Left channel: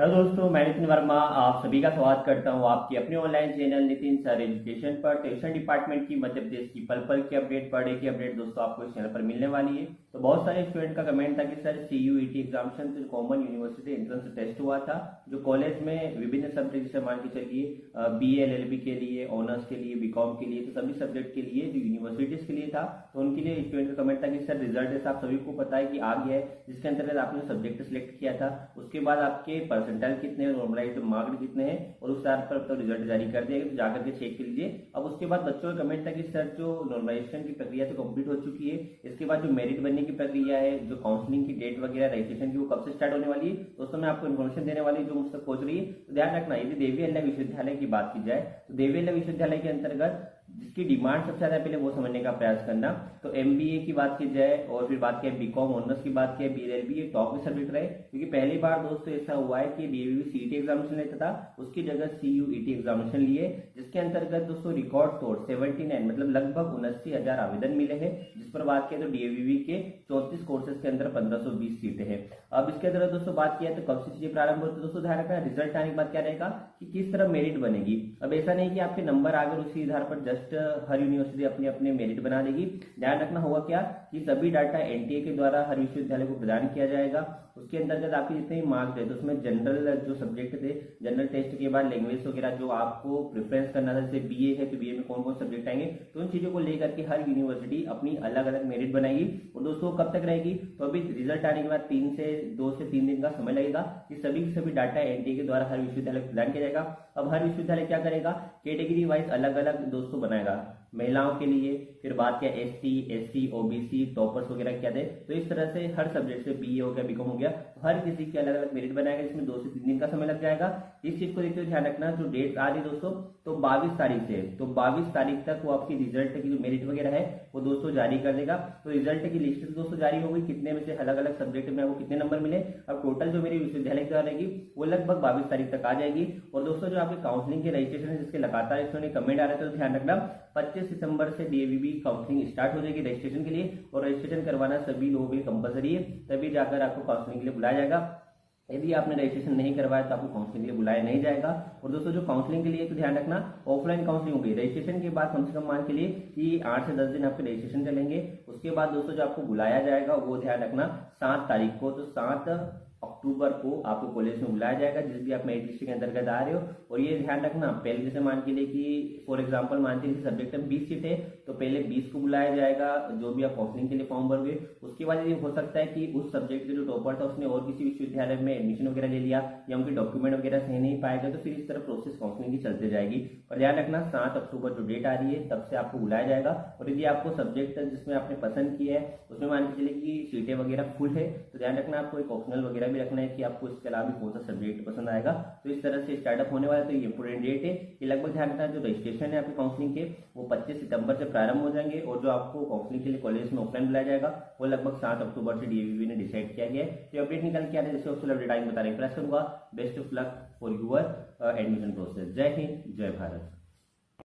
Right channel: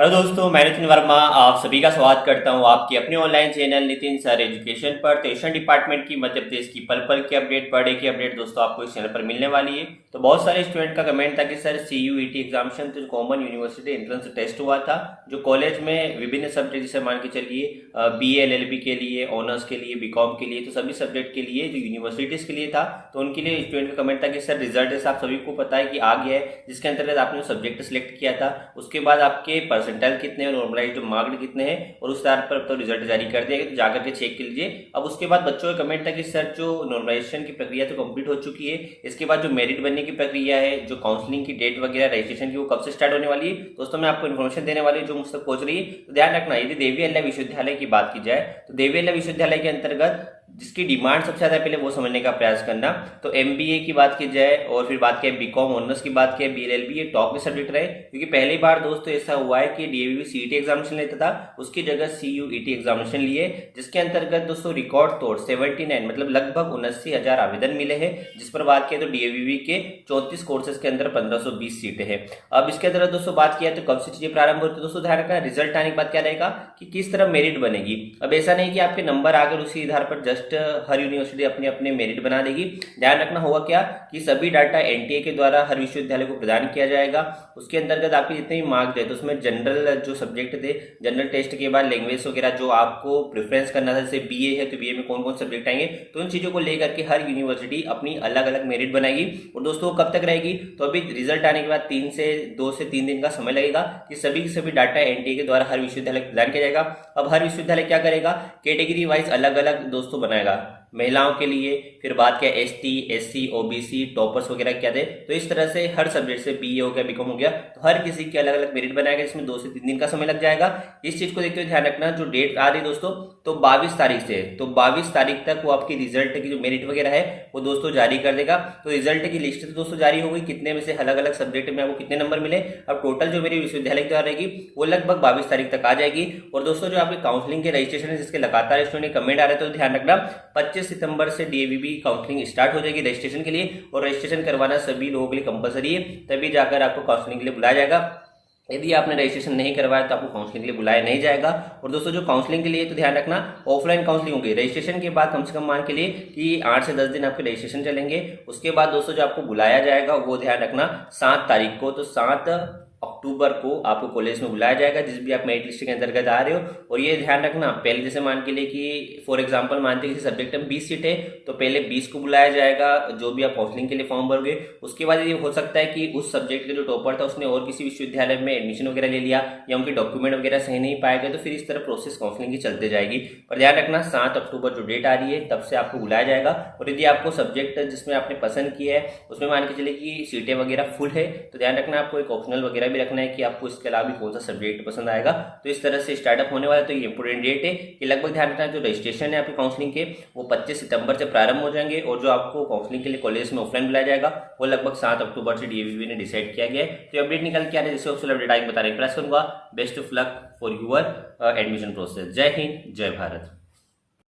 Hello दोस्तों, मैं नितिन वर्मा आप सभी का स्वागत करता हूं आपकी अपने online channel Nitin sir education पर। तो एजुकेशन डिपार्टमेंट की मध्य प्रदेश की पल पल की अपडेट, पर डे की अपडेट दोस्तों आपको इस चैनल पर मिलने वाली है। तो बहुत सारे स्टूडेंट का कमेंट था कि सर CUET एग्जामिनेशन तो कॉमन यूनिवर्सिटी एंट्रेंस टेस्ट हुआ था, जो कॉलेज में विभिन्न सब्जेक्ट जैसे मान के चलिए BA LLB के लिए, ऑनर्स के लिए, BCom के लिए, तो सभी सब्जेक्ट के लिए जो यूनिवर्सिटीज़ के लिए था, तो उनके लिए स्टूडेंट का कमेंट था कि सर रिजल्ट जैसे आप सभी को पता है कि आ गया है, जिसके अंतर्गत आपने सब्जेक्ट सिलेक्ट किया था उसके बाद आपके परसेंटाइल कितने हैं, नॉर्मलाइज्ड मार्क्स कितने हैं, और उस आधार पर तो रिजल्ट जारी कर दिया गया, तो जाकर के चेक कर लीजिए। अब उसके बाद बच्चों का कमेंट था कि सर जो नॉर्मलाइजेशन की प्रक्रिया तो कंप्लीट हो चुकी है, इसके बाद जो मेरिट बनने की प्रक्रिया है, जो काउंसलिंग की डेट वगैरह रजिस्ट्रेशन की, वो कब से स्टार्ट होने वाली है। दोस्तों मैं आपको इन्फॉर्मेशन देने वाली हूँ जो मुझसे पहुंच रही है, तो ध्यान रखना। यदि देवी अल्लाह विश्वविद्यालय की बात की जाए तो देवी अल्लाह विश्वविद्यालय के अंतर्गत जिसकी डिमांड सबसे ज़्यादा पहले वो समझने का प्रयास करना। तो MBA की बात की जाए और फिर बात करें BCom ऑनर्स की बात करें, BLLB, ये टॉप के सब्जेक्ट रहे, क्योंकि पहली बार दोस्तों ऐसा हुआ है कि DAVB CET एग्जामिनेशन लेता था, उसकी जगह CUET एग्जामिनेशन लिए, जिसके अंतर्गत दोस्तों रिकॉर्ड तोड़ 79 मतलब लगभग 79,000 आवेदन मिले हैं। जिस पर बात किया तो DAVB के 34 कोर्सेज के अंदर 1520 सीटें हैं। अब इसके अंदर दोस्तों बात किया तो कब से चीजें प्रारंभ होती है, दोस्तों ध्यान रखना रिजल्ट आने के बाद क्या रहेगा कि किस तरह मेरिट बनेगी। अब ऐसा नहीं कि आपके नंबर आकर उसी आधार पर जस्ट हर यूनिवर्सिटी अपने अपने मेरिट बना देगी। ध्यान रखना होगा क्या कि सभी डाटा NTA के द्वारा हर विश्वविद्यालय को प्रदान किया जाएगा। उसके अंतर्गत आपके जितने भी मार्क्स थे तो उसमें जनरल जो सब्जेक्ट थे, जनरल टेस्ट के बाद लैंग्वेज वगैरह जो आपको प्रेफरेंस करना था, जैसे BA है तो BA में कौन कौन सब्जेक्ट आएंगे, तो उन चीज़ों को लेकर के हर यूनिवर्सिटी अपनी अलग अलग मेरिट बनाएगी। और दोस्तों कब तक रहेगी, तो अभी रिजल्ट आने के बाद 2 से 3 दिन का समय लगेगा कि सभी डाटा NTA के द्वारा हर विश्वविद्यालय को प्रदान किया जाएगा। अब हर विश्वविद्यालय क्या करेगा, कैटेगरी वाइज अलग अलग दोस्तों बनाएगा। महिलाओं के लिए फिर बात किया ST SC OBC टॉपर्स वगैरह क्या थे, तो इस तरह से हर सब्जेक्ट से BA हो गया, BCom हो गया, तो हर किसी के अलग अलग मेरिट बनाएगा, इसमें 2 से 3 दिन का समय लग जाएगा। इस चीज को देखते हुए ध्यान रखना, जो डेट आ रही दोस्तों तो 22 तारीख से, तो 22 तारीख तक वो आपकी रिजल्ट की जो मेरिट वगैरह है वो दोस्तों जारी कर देगा। तो रिजल्ट की लिस्ट तो दोस्तों जारी हो गई, कितने में से अलग अलग सब्जेक्ट में आपको कितने नंबर मिले। अब टोटल जो मेरी विश्वविद्यालय द्वारा रहेगी वो लगभग 22 तारीख तक आ जाएगी। और दोस्तों जो आपके काउंसलिंग के रजिस्ट्रेशन है जिसके लगातार स्टूडेंट कमेंट आ रहे हैं, तो ध्यान रखना 25 सितंबर से DAVB काउंसलिंग स्टार्ट हो जाएगी रजिस्ट्रेशन के लिए, और रजिस्ट्रेशन करवाना सभी लोगों के लिए कंपलसरी है, तभी जाकर आपको काउंसलिंग के लिए बुलाया जाएगा। यदि आपने रजिस्ट्रेशन नहीं करवाया तो आपको काउंसलिंग के लिए बुलाया नहीं जाएगा। और दोस्तों जो काउंसलिंग के लिए तो ध्यान रखना ऑफलाइन काउंसलिंग होगी रजिस्ट्रेशन के बाद, कम से कम मान के लिए कि 8 से 10 दिन आपके रजिस्ट्रेशन चलेंगे। उसके बाद दोस्तों जो आपको बुलाया जाएगा वो ध्यान रखना 7 तारीख को, तो 7 अक्टूबर को आपको कॉलेज में बुलाया जाएगा, जिस भी आप मेरिट लिस्ट के अंतर्गत आ रहे हो। और ये ध्यान रखना, पहले जैसे मान के लिए कि फॉर एग्जांपल मानते हैं किसी सब्जेक्ट में 20 सीट है, तो पहले 20 को बुलाया जाएगा जो भी आप काउंसलिंग के लिए फॉर्म भरोगे। उसके बाद ये हो सकता है कि उस सब्जेक्ट के जो टॉपर था उसने और किसी विश्वविद्यालय में एडमिशन वगैरह ले लिया, या उनके डॉक्यूमेंट वगैरह सही नहीं पाए गए, तो फिर इस तरह प्रोसेस काउंसलिंग की चलते जाएगी। पर ध्यान रखना 7 अक्टूबर जो डेट आ रही है तब से आपको बुलाया जाएगा। और यदि आपको सब्जेक्ट जिसमें आपने पसंद किया है उसमें मान के चले कि सीटें वगैरह फुल है, तो ध्यान रखना आपको एक ऑप्शनल वगैरह भी रखना है कि आपको इसके अलावा भी कौन सा सब्जेक्ट पसंद आएगा। तो इस तरह से स्टार्टअप होने वाला है। तो ये इंपोर्टेंट डेट है कि लगभग ध्यान रखना जो रजिस्ट्रेशन है आपकी काउंसलिंग के वो 25 सितंबर से प्रारंभ हो जाएंगे, और जो आपको काउंसलिंग के लिए कॉलेज में ऑफलाइन बुलाया जाएगा वो लगभग 7 अक्टूबर से DAVB ने डिसाइड किया गया है। तो अपडेट निकल के आ रहे जैसे ऑफिशियल अपडेट आएंगे बताने का प्रयास करूंगा। Best of luck for your admission process. जय हिंद, जय भारत।